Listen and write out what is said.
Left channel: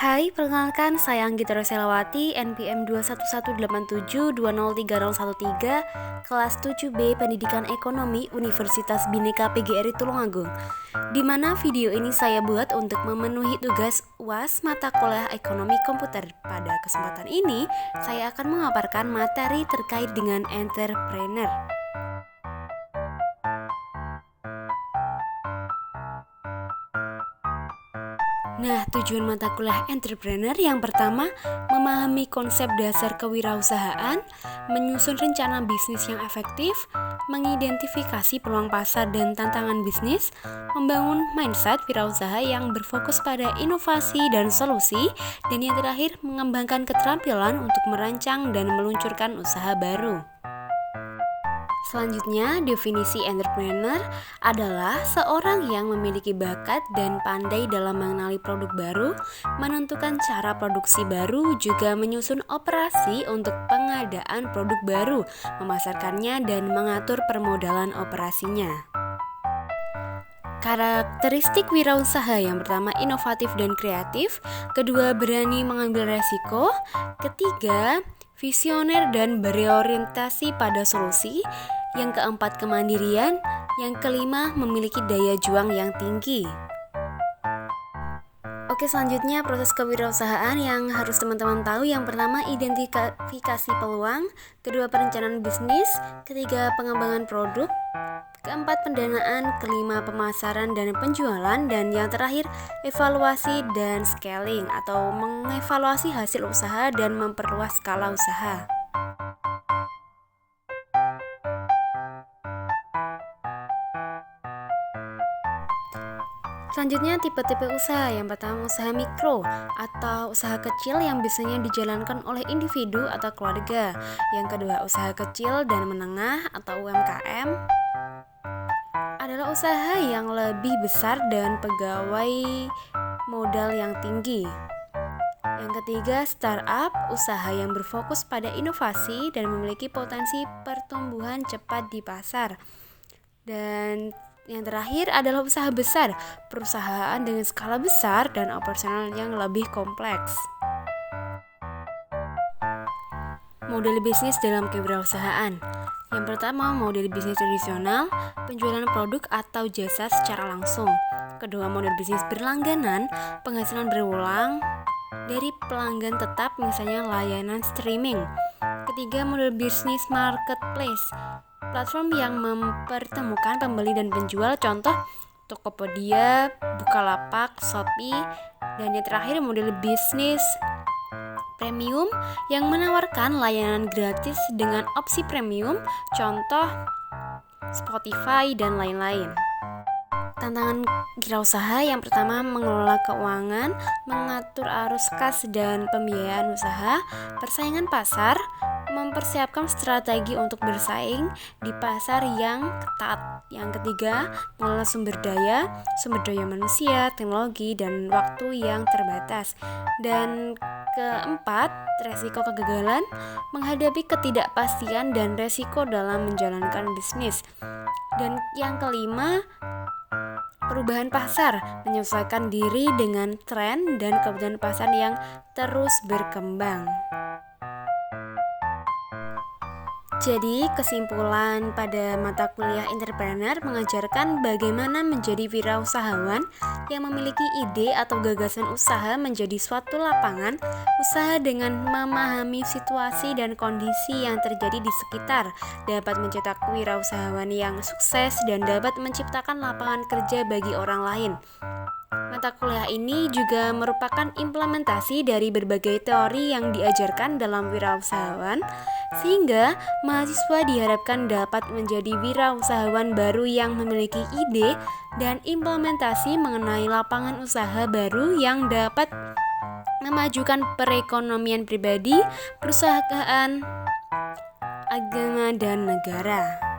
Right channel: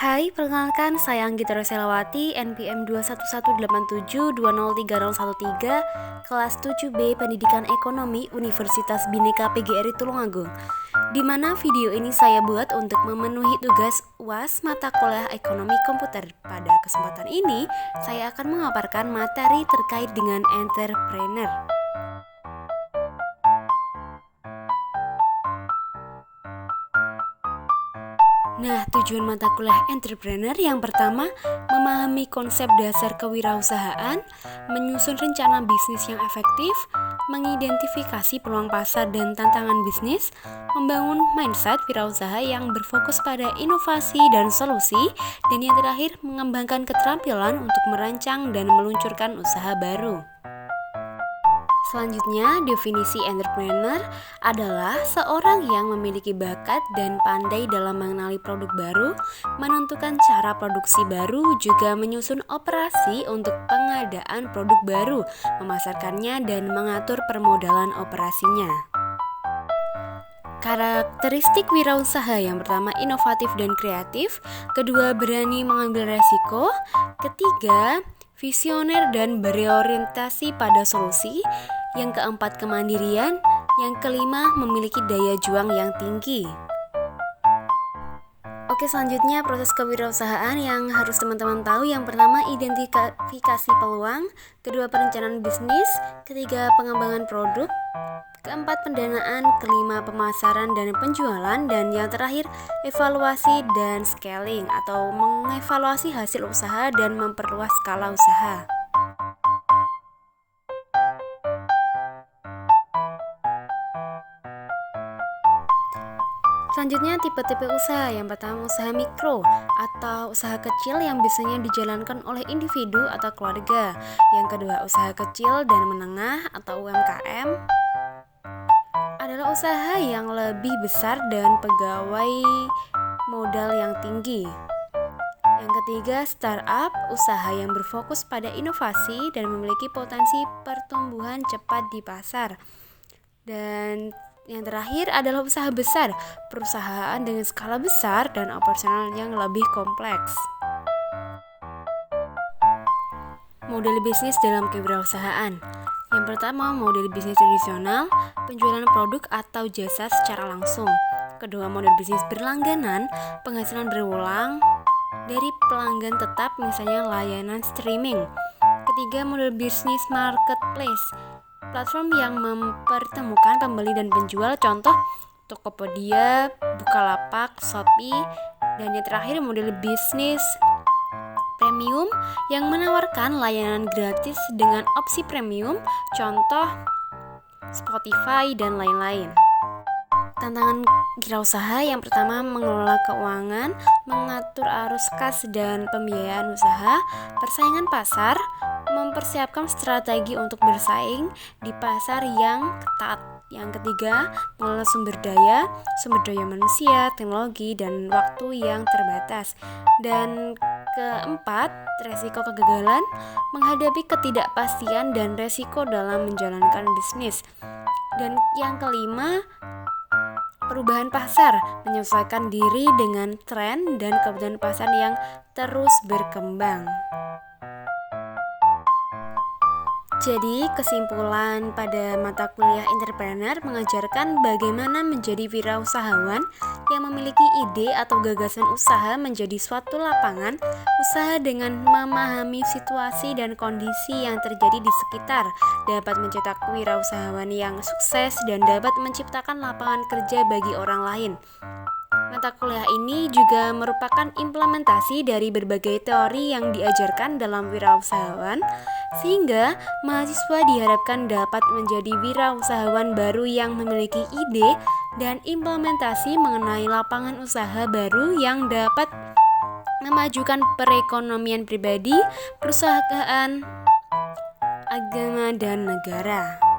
Hai, perkenalkan saya Anggita Roselawati, NPM 21187203013, kelas 7B Pendidikan Ekonomi Universitas Bhinneka PGRI Tulungagung. Di mana video ini saya buat untuk memenuhi tugas UAS mata kuliah Ekonomi Komputer. Pada kesempatan ini, saya akan memaparkan materi terkait dengan entrepreneur. Nah, tujuan mata kuliah entrepreneur yang pertama, memahami konsep dasar kewirausahaan, menyusun rencana bisnis yang efektif, mengidentifikasi peluang pasar dan tantangan bisnis, membangun mindset wirausaha yang berfokus pada inovasi dan solusi, dan yang terakhir, mengembangkan keterampilan untuk merancang dan meluncurkan usaha baru. Selanjutnya, definisi entrepreneur adalah seorang yang memiliki bakat dan pandai dalam mengenali produk baru, menentukan cara produksi baru, juga menyusun operasi untuk pengadaan produk baru, memasarkannya, dan mengatur permodalan operasinya. Karakteristik wirausaha yang pertama inovatif dan kreatif, kedua berani mengambil resiko, ketiga visioner dan berorientasi pada solusi, yang keempat kemandirian, yang kelima memiliki daya juang yang tinggi. Oke, selanjutnya proses kewirausahaan yang harus teman-teman tahu. Yang pertama, identifikasi peluang, kedua perencanaan bisnis, ketiga pengembangan produk, keempat pendanaan, kelima pemasaran dan penjualan, dan yang terakhir evaluasi dan scaling atau mengevaluasi hasil usaha dan memperluas skala usaha. Selanjutnya tipe-tipe usaha. Yang pertama usaha mikro atau usaha kecil yang biasanya dijalankan oleh individu atau keluarga. Yang kedua usaha kecil dan menengah atau UMKM adalah usaha yang lebih besar dan pegawai modal yang tinggi. Yang ketiga startup, usaha yang berfokus pada inovasi dan memiliki potensi pertumbuhan cepat di pasar. Dan yang terakhir adalah usaha besar, perusahaan dengan skala besar dan operasional yang lebih kompleks. Model bisnis dalam kewirausahaan. Yang pertama, model bisnis tradisional, penjualan produk atau jasa secara langsung. Kedua, model bisnis berlangganan, penghasilan berulang dari pelanggan tetap, misalnya layanan streaming. Ketiga, model bisnis marketplace, platform yang mempertemukan pembeli dan penjual, contoh Tokopedia, Bukalapak, Shopee. Dan yang terakhir model bisnis premium yang menawarkan layanan gratis dengan opsi premium, contoh Spotify dan lain-lain. Tantangan wirausaha yang pertama mengelola keuangan, mengatur arus kas dan pembiayaan usaha, persaingan pasar, mempersiapkan strategi untuk bersaing di pasar yang ketat. Yang ketiga, mengelola sumber daya manusia, teknologi, dan waktu yang terbatas. Dan keempat, resiko kegagalan, menghadapi ketidakpastian dan resiko dalam menjalankan bisnis. Dan yang kelima, perubahan pasar, menyesuaikan diri dengan tren dan kebutuhan pasar yang terus berkembang. Jadi, kesimpulan pada mata kuliah entrepreneur mengajarkan bagaimana menjadi wirausahawan yang memiliki ide atau gagasan usaha menjadi suatu lapangan usaha dengan memahami situasi dan kondisi yang terjadi di sekitar, dapat mencetak wirausahawan yang sukses dan dapat menciptakan lapangan kerja bagi orang lain. Mata kuliah ini juga merupakan implementasi dari berbagai teori yang diajarkan dalam wirausahawan, sehingga mahasiswa diharapkan dapat menjadi wirausahawan baru yang memiliki ide dan implementasi mengenai lapangan usaha baru yang dapat memajukan perekonomian pribadi, perusahaan, agama, dan negara.